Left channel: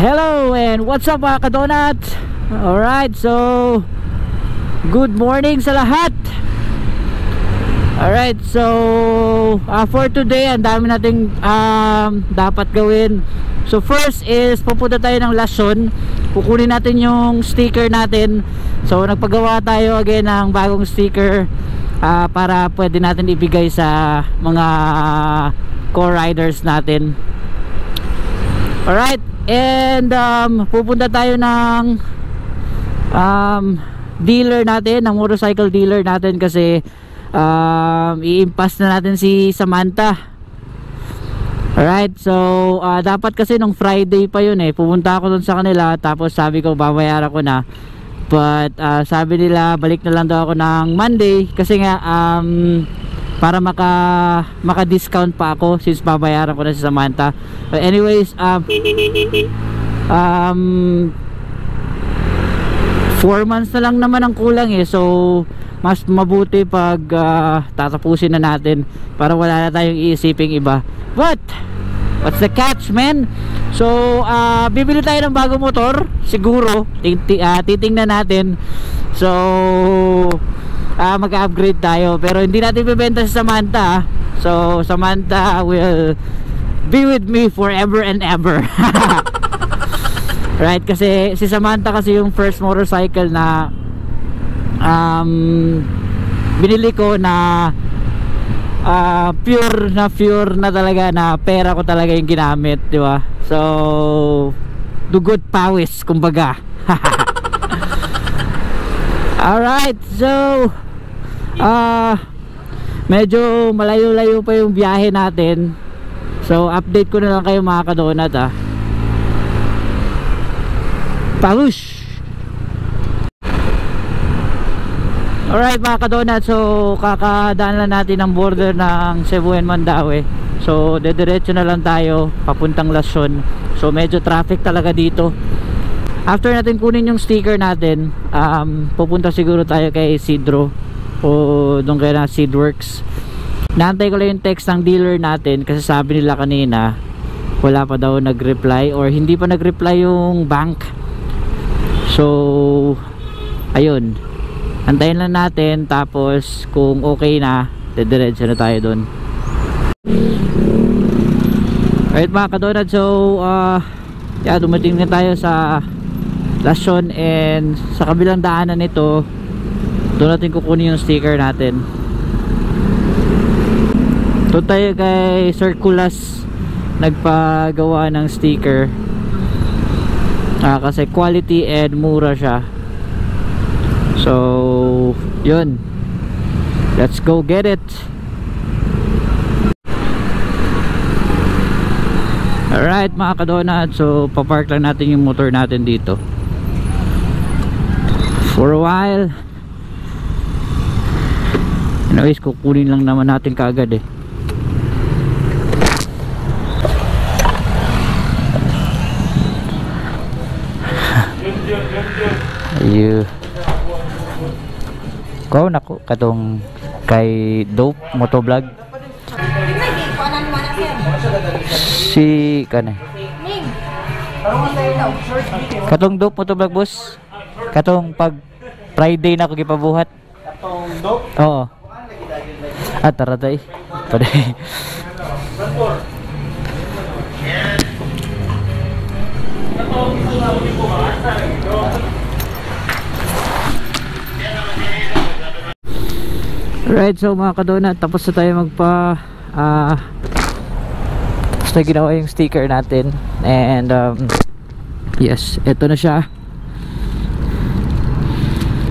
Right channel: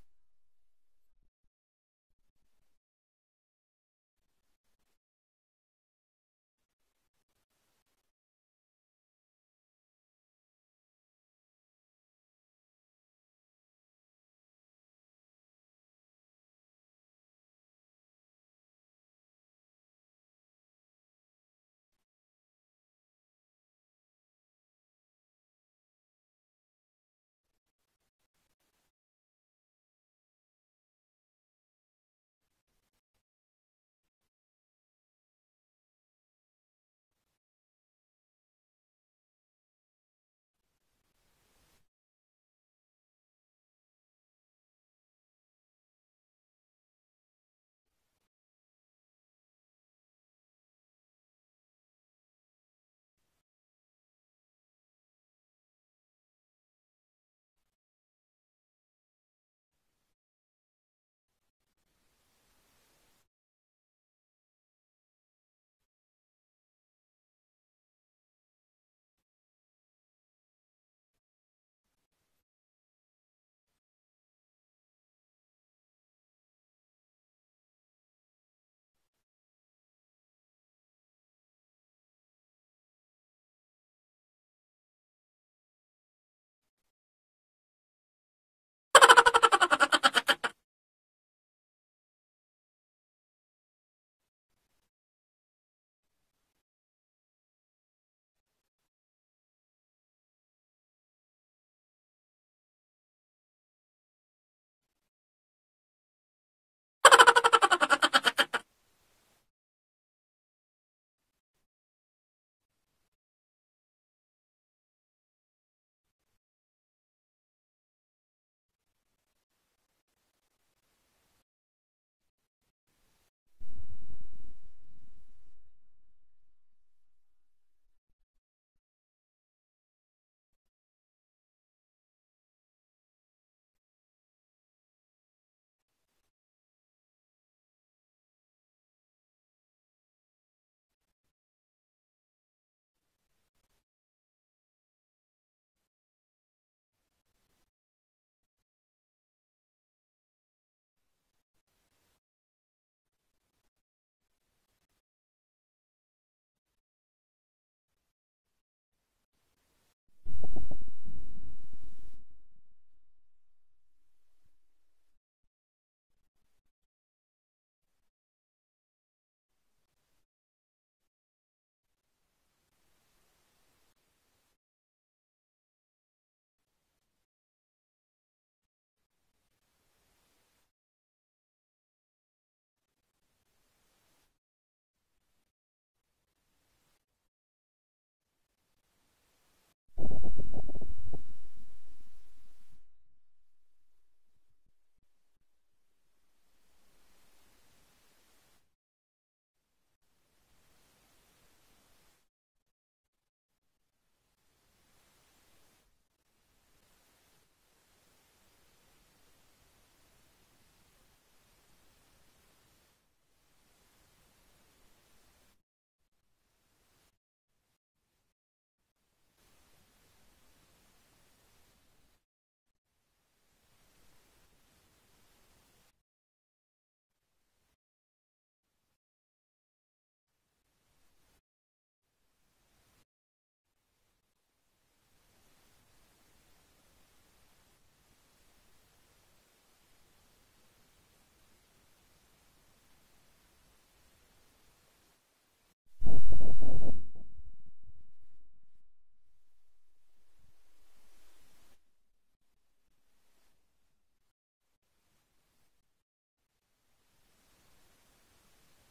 Hello and what's up mga kadonat? Alright, so good morning sa lahat. Alright, so for today ang dami nating dapat gawin. So first is pupunta tayo ng Lason. Kukunin natin yung sticker natin. So nagpagawa tayo again ng bagong sticker para pwede natin ibigay sa mga co-riders natin. Alright, and pupunta tayo ng dealer natin, ng motorcycle dealer natin kasi i-impass na natin si Samantha. Alright, so dapat kasi nung Friday pa yun pupunta ako dun sa kanila, tapos sabi ko babayaran ko na, but sabi nila balik na lang daw ako ng Monday kasi nga para maka-discount pa ako since babayaran ko na si Samantha. But anyways, 4 months na lang naman ang kulang so mas mabuti pag tatapusin na natin para wala na tayong iisiping iba. But what's the catch, man? So bibili tayo ng bagong motor siguro, titingnan natin. So mag-upgrade tayo, pero hindi natin bibenta si Samantha. So Samantha will be with me forever and ever. Right, kasi si Samantha kasi yung first motorcycle na binili ko na pure na talaga, na pera ko talaga yung ginamit, di ba? So dugot pawis kumbaga. Alright, so medyo malayo-layo pa yung biyahe natin. So update ko na lang kayo mga kadonat Palush! Alright mga kadonat, so kakadaan lang natin ang border ng Cebu and Mandaue. So dediretso na lang tayo papuntang Lason. So medyo traffic talaga dito. After natin kunin yung sticker natin, pupunta siguro tayo kay Isidro o doon kaya na Seedworks. Naantay ko lang yung text ng dealer natin kasi sabi nila kanina wala pa daw nag-reply or hindi pa nag-reply yung bank. So ayun, antayin lang natin, tapos kung okay na dediretso na tayo doon. Alright mga kadonat, so dumating na tayo sa Lason, and sa kabilang daanan nito doon natin kukunin yung sticker natin. Doon tayo kay Circulas nagpagawa ng sticker kasi quality and mura siya. So yun, let's go get it. Alright mga kadonat, so papark lang natin yung motor natin dito for a while. Anyways, kukunin lang naman natin kaagad Ayu. Kau nako katong kay Dope Motovlog. Si kanay. Katong Dope Motovlog boss. Katong pag Friday na ko gipabuhat. Katong Dope? Oo. Tara tayo. Paday. Right, so mga kadonat, tapos na tayo tapos na ginawa yung sticker natin, and yes, eto na siya.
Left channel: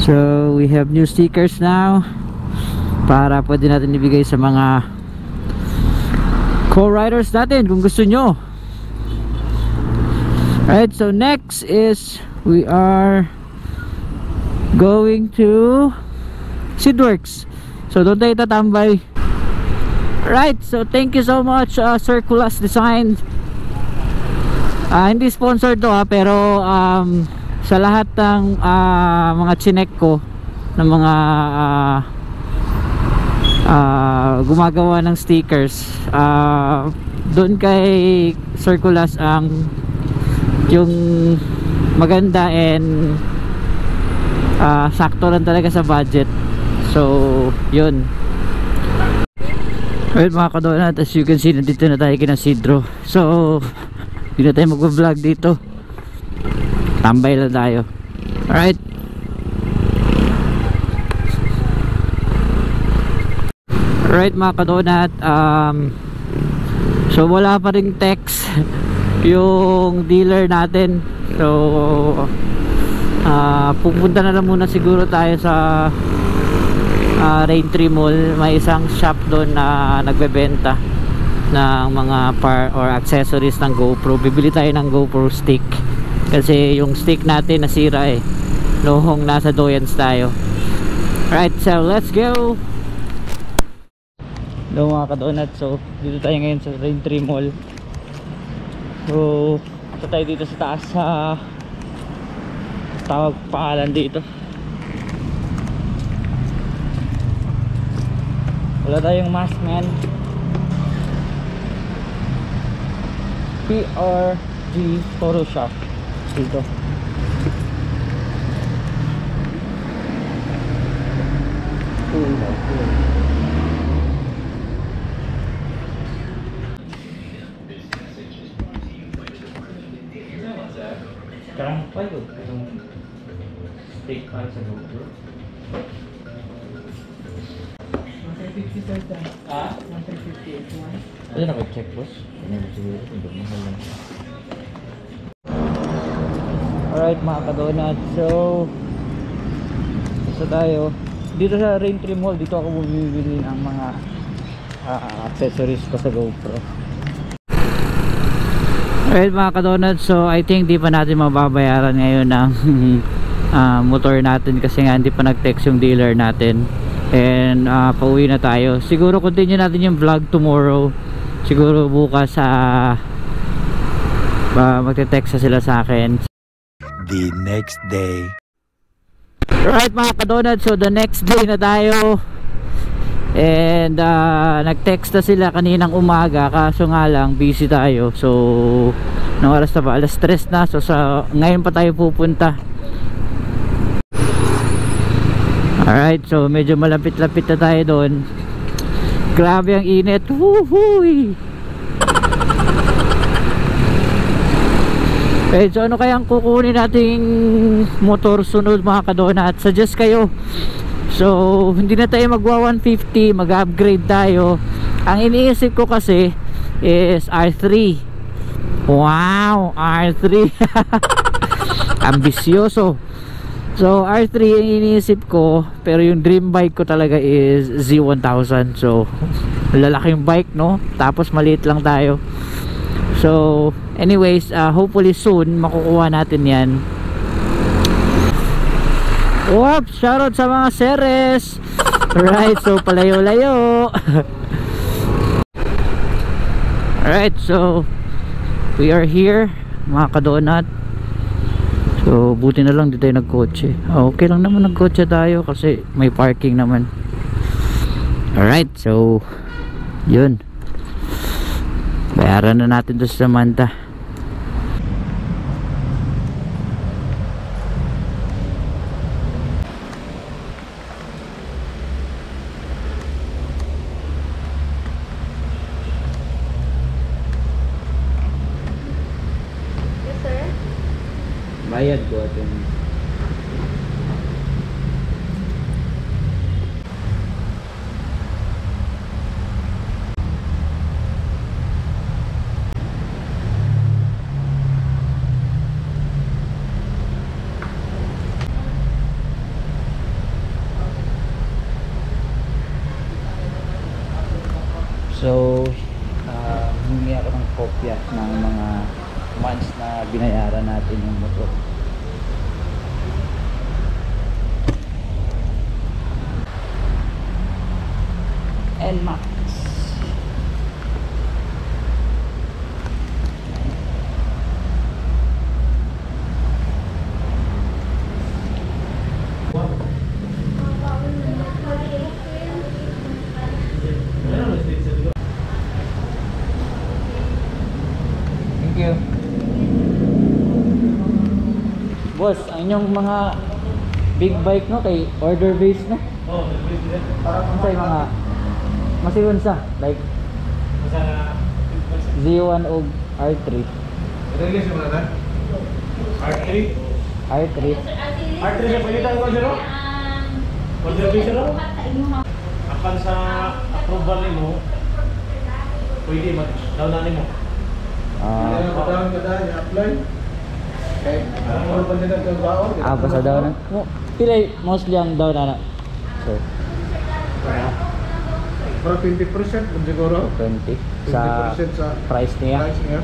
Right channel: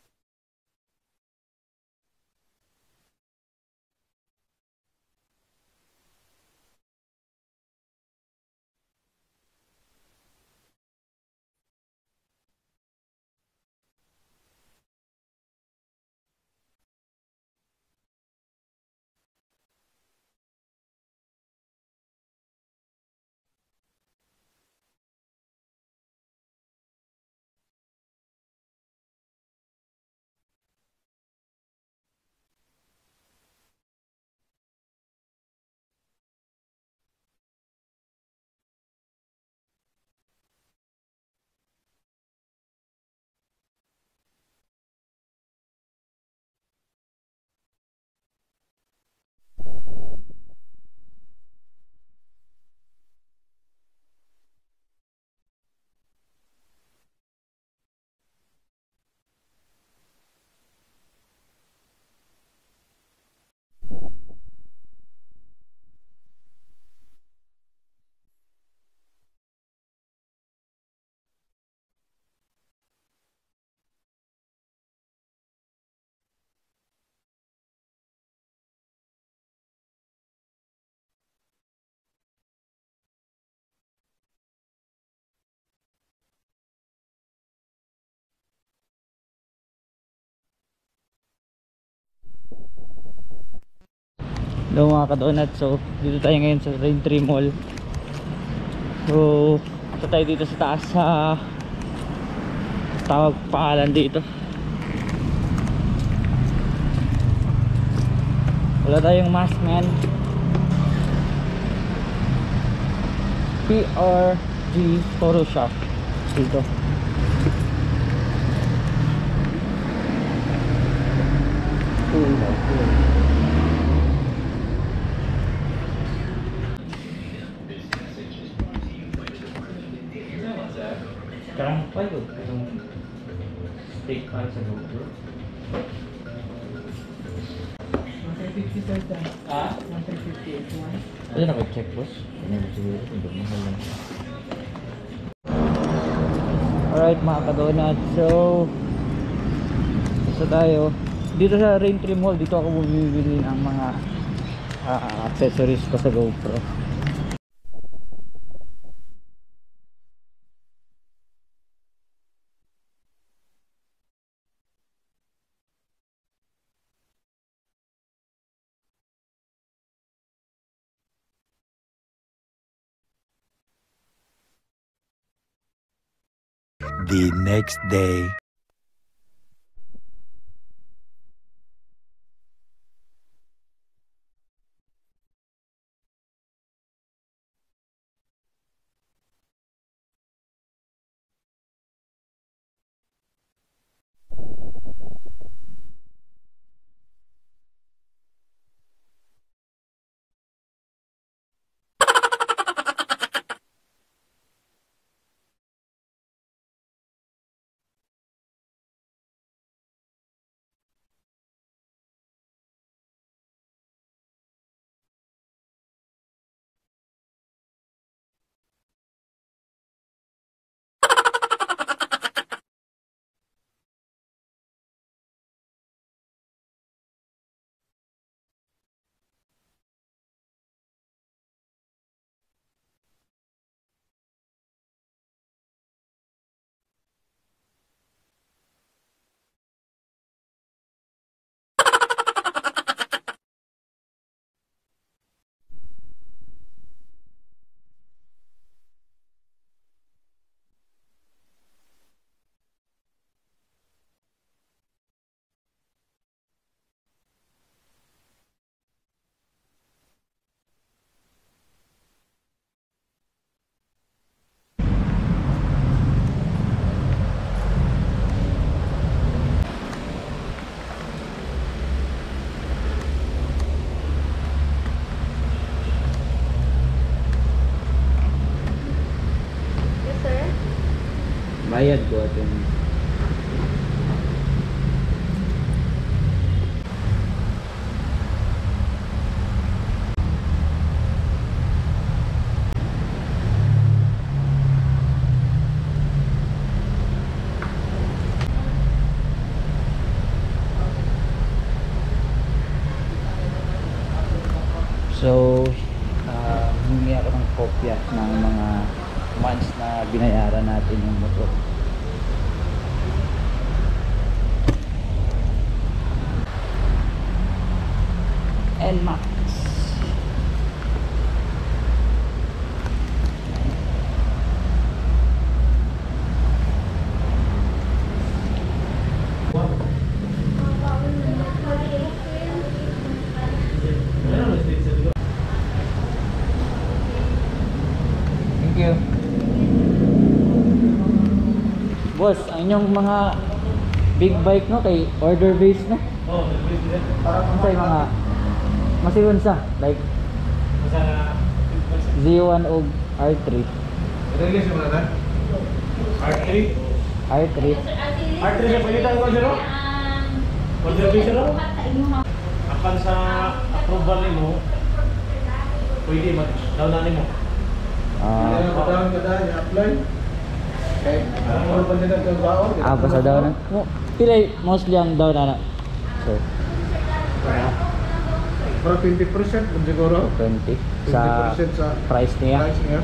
So we have new stickers now para pwede natin ibigay sa mga co-riders natin kung gusto nyo. Right, so next is we are going to Seedworks. So doon tayo tatambay. Right, so thank you so much Circulas Design. Hindi sponsored to pero sa lahat ng mga chinek ko ng mga gumagawa ng stickers, doon kay Circulas ang yung maganda and sakto lang talaga sa budget. So yun. Well mga kadonat, as you can see, nandito na tayo kina Sidro. So hindi na tayo mag-vlog dito, tambay lang tayo. Alright. Alright mga kadonat, so wala pa ring text yung dealer natin. So pupunta na lang muna siguro tayo sa Raintree Mall. May isang shop doon na nagbebenta ng mga or accessories ng GoPro. Bibili tayo ng GoPro stick kasi yung stick natin nasira noong nasa Doyens tayo. Alright, so let's go. Hello mga kadonat, so dito tayo ngayon sa Raintree Mall. So ito tayo dito sa taas sa tawag pangalan dito. Wala tayong mask man. PRG Photoshop dito. Cool. Sekarang apa itu? Stick sa GoPro. 150 sir. Ah? 150 is one. Ano naka-check boss? Ano siguro? Hindi mahal lang. Alright mga kadonat, so isa tayo dito sa Raintree Mall. Dito ako bumibili ng mga accessories ko sa GoPro. Alright mga kadonat, so I think di pa natin mababayaran ngayon ng motor natin kasi nga hindi pa nag-text yung dealer natin. And pauwi na tayo. Siguro continue natin yung vlog tomorrow. Siguro bukas magte-text na sila sa akin. The next day. Right mga kadonat, so the next day na tayo. And nag-text na sila kaninang umaga, kaso nga lang busy tayo. So nang oras na ba? Alas 3 na. So ngayon pa tayo pupunta. Alright, so medyo malapit-lapit na tayo doon. Grabe ang init. Woohoo! Okay, so ano kayang kukunin nating motor sunod mga kadonat? Suggest kayo. So hindi na tayo magwa 150, mag-upgrade tayo. Ang iniisip ko kasi is R3. Wow, R3. Ambisyoso. So R3 ang iniisip ko, pero yung dream bike ko talaga is Z1000. So lalaking bike, no? Tapos maliit lang tayo. So anyways, hopefully soon makukuha natin yan. Whoops, shoutout sa mga seres. Alright, so palayo-layo. Alright, so we are here mga kadonat. So buti na lang dito tayo nagkotse. Okay lang naman nagkotse tayo kasi may parking naman. Alright, so yun, bayaran na natin doon sa Samantha. Bayad ko at yung so humingi ako ng kopya ng mga months na binayaran natin yung motor. NMAX. Thank you. Boss, ang inyong mga big bike no kay order based no? Oh, Parang sa mga masiyon sa like sa Z1 o R3. release mo na. R3. R3. R3 sa palitan ko zero. Order base zero. Akan sa approval nimo. Pwede daw na nimo. Kadang i-apply. Okay. Ano pa din ang baon? Basta daw na. Pila mostly ang daw na. So, Para 20% kung siguro. 20 sa 20% sa price niya. price niya.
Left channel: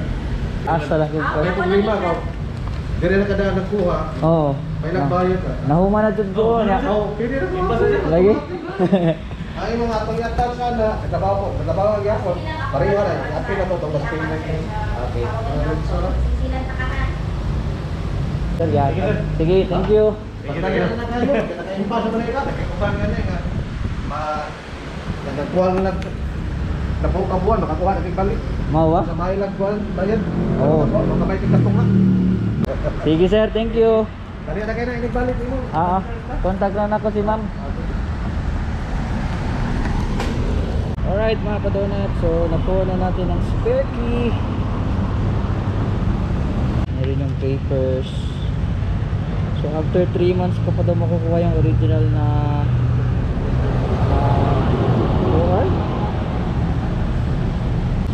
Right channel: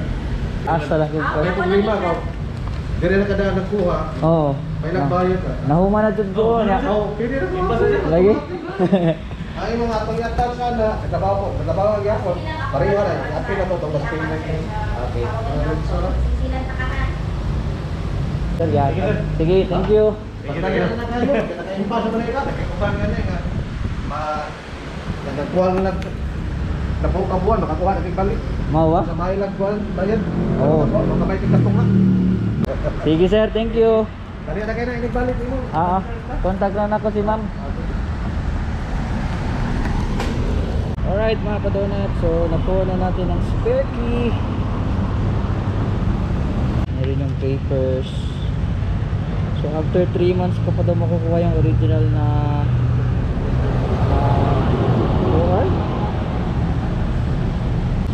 Asa lang yung Kaya problema ko. Dire na kada nagkuha. Oo. May nagbayad ka. Nahuma na jud ko niya. Oh, pwede na po. Lagi. Ay mga pag-atal sana, nagtrabaho ang gyapon. Pareho na, happy na to tong mas payment ni. Okay. So, Sir, yan. Sige, thank you. basta na kayo, naka-impas sa Manila, nagkuhan nga na nga. Nagkuhan na kabuan, makakuha na balik. Mawa. Sa may lagkuhan, bayad. Oo. Makamay tingkatong na. Sige sir, thank you. Dali na kayo na inibalik mo. Contact lang ako si ma'am. Alright mga kadonat, so nakuha na natin ang spare key. Meron yung papers. So after 3 months ko pa daw makukuha yung original na OR.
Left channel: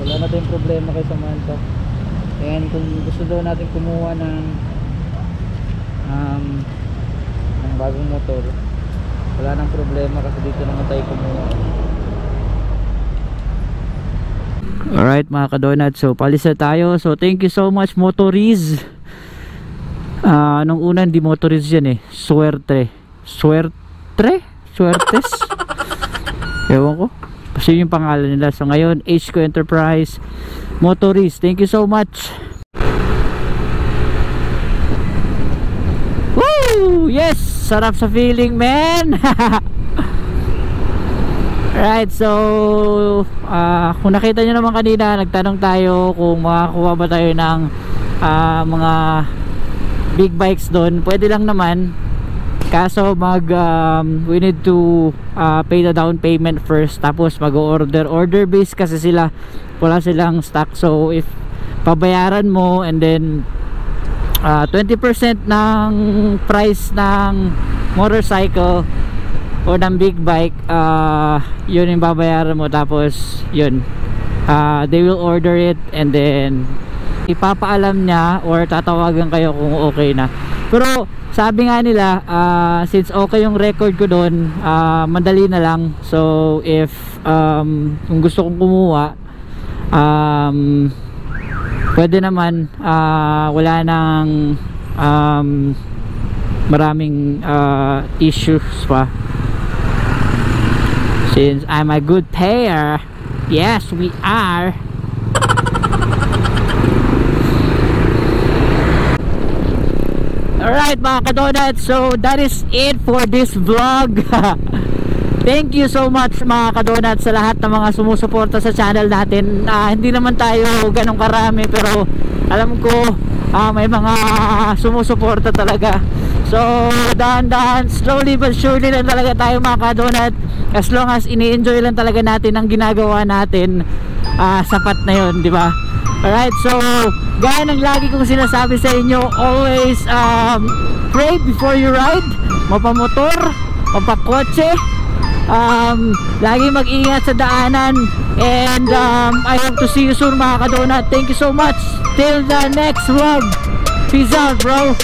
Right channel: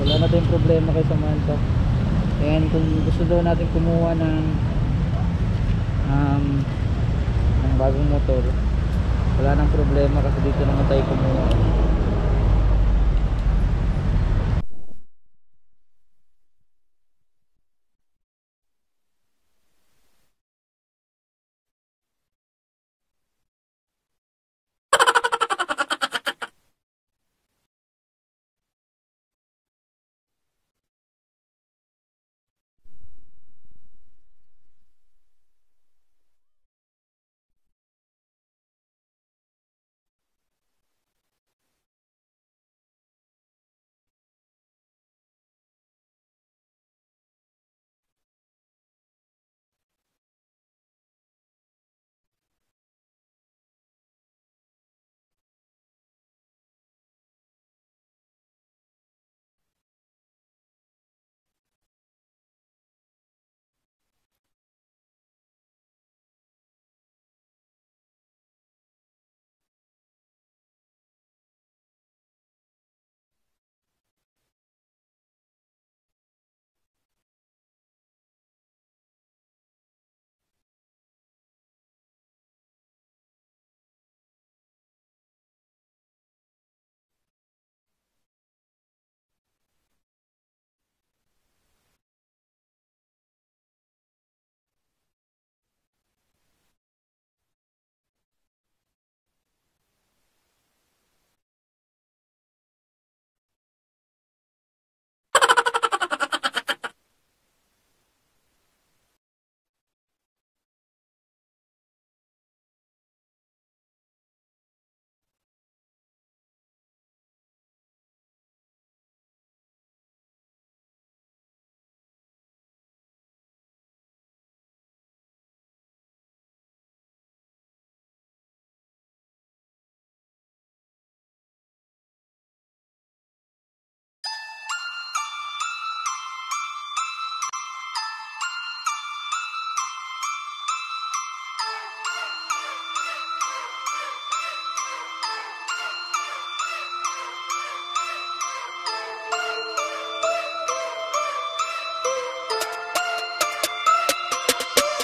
Wala na tayong problema kay Samantha. And kung gusto daw natin kumuha ng bagong motor, wala nang problema kasi dito naman tayo kumuha. Alright mga kadonat, so palis na tayo. So thank you so much Motoriz. Nung una hindi Motoriz yan Suertes ewan ko kasi yung pangalan nila. So ngayon HQ Enterprise Motoriz, thank you so much. Woo! Yes! Sarap sa feeling man. Right, so kung nakita nyo naman kanina, nagtanong tayo kung makakuha ba tayo ng mga big bikes doon. Pwede lang naman, kaso we need to pay the down payment first, tapos order based kasi sila, wala silang stock. So if pabayaran mo and then 20% ng price ng motorcycle o ng big bike, yun yung babayaran mo, tapos yun they will order it and then ipapaalam niya or tatawagan kayo kung okay na. Pero sabi nga nila, since okay yung record ko doon, madali na lang. So if kung gusto kong kumuha, pwede naman, wala nang maraming issues pa. Since I'm a good payer. Yes, we are. Alright mga kadonat, so that is it for this vlog. Thank you so much mga kadonat sa lahat ng mga sumusuporta sa channel natin. Hindi naman tayo ganong karami, pero alam ko may mga sumusuporta talaga. So dahan-dahan, slowly but surely lang talaga tayo mga kadonat. As long as ini-enjoy lang talaga natin ang ginagawa natin, sapat na yun, di ba? Alright, so gaya ng lagi kong sinasabi sa inyo, always pray before you ride. Mapamotor, mapakotse, lagi mag-ingat sa daanan. And I hope to see you soon mga kadonat. Thank you so much. Till the next vlog. Peace out bro.